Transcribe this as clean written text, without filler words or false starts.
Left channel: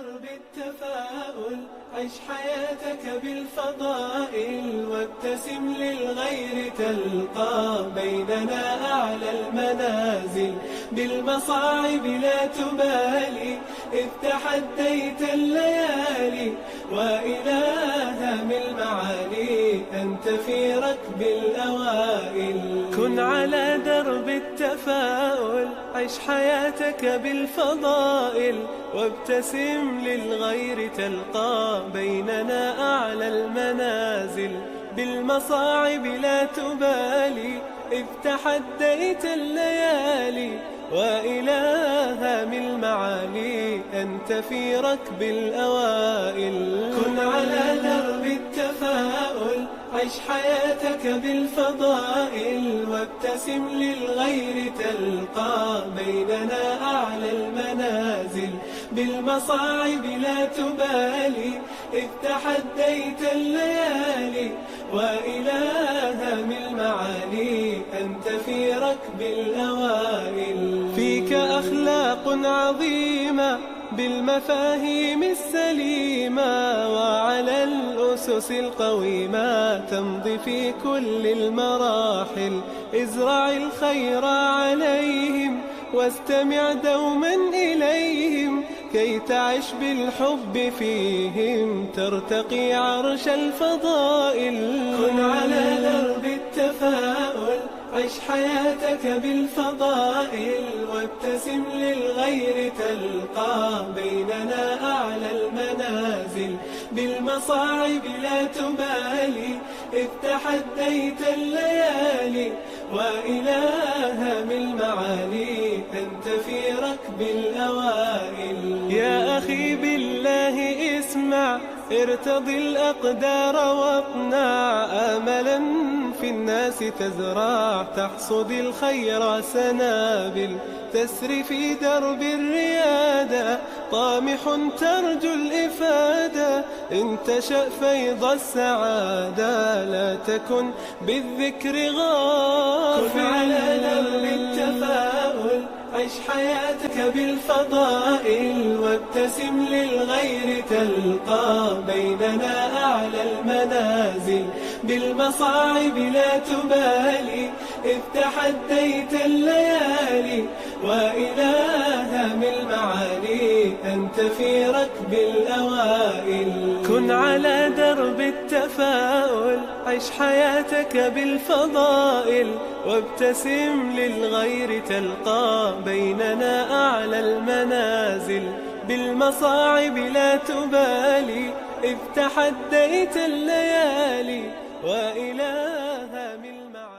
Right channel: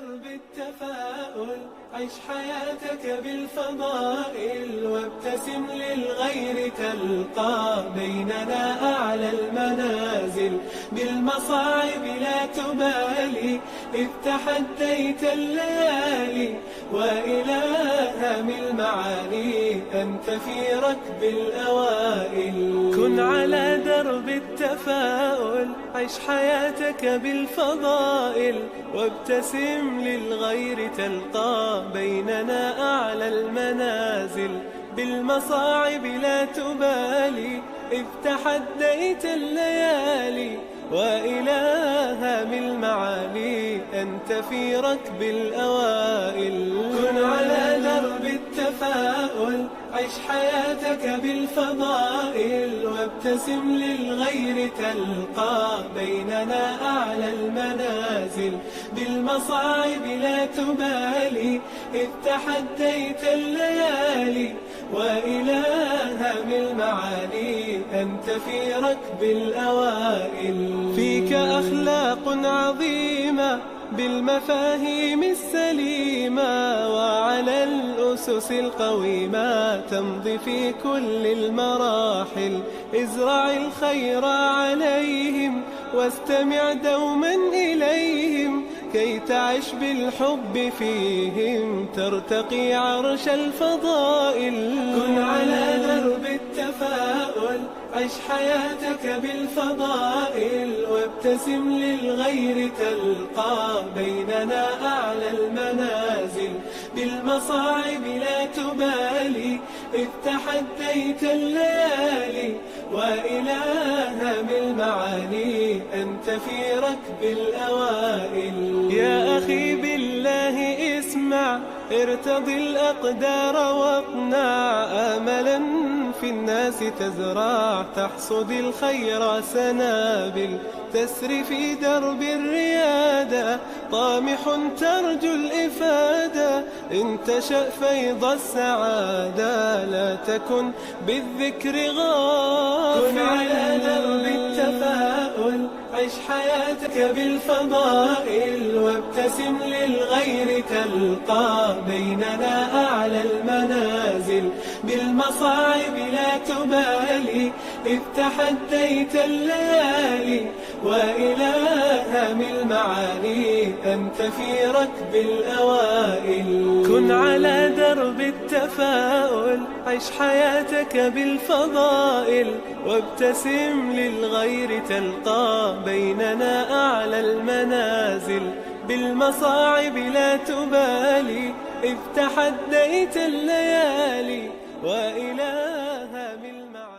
درب التفاؤل عش حياتك بالفضائل، وابتسم للغير تلقى بيننا أعلى المنازل. بالمصاعب لا تبالي إذ تحديت الليالي، وإلى هم المعالي أنت في ركب الأوائل. كن على درب التفاؤل عش حياتك بالفضائل، وابتسم للغير تلقى بيننا أعلى المنازل. بالمصاعب لا تبالي إذ تحديت الليالي، وإلى هام المعالي أنت في ركب الأوائل. كن على درب التفاؤل عش حياتك بالفضائل، وابتسم للغير تلقى بيننا أعلى المنازل. بالمصاعب لا تبالي إذ تحديت الليالي، وإلى هم المعالي أنت في ركب الأوائل. فيك أخلاق عظيمة بالمفاهيم السليمة، وعلى الأسس القويمة تمضي في كل المراحل. ازرع الخير عليهم واستمع دوما إليهم، كي تعش بالحب فيهم ترتقي عرش الفضائل. كن على درب التفاؤل عش حياتك بالفضائل، وابتسم للغير تلقى بيننا أعلى المنازل. بالمصاعب لا تبالي إذ تحديت الليالي، وإلى هم المعالي أنت في ركب الأوائل. يا أخي بالله اسمع ارتضي الأقدار واقنع، آملا في الناس تزرع تحصد الخير سنابل. تسري في درب الريادة طامح ترجو الإفادة، إن تشأ فيض السعادة لا تكن بالذكر غافل. كن على درب التفاؤل عش حياتك بالفضائل، وابتسم للغير تلقى بيننا أعلى المنازل. بالمصاعب لا تبالي إذ تحديت الليالي، وإلى هم المعالي أنت في ركب الأوائل. كن على درب التفاؤل عش حياتك بالفضائل، وابتسم للغير تلقى بيننا أعلى المنازل. بالمصاعب لا تبالي إذ تحديت الليالي، وإلى هم المعالي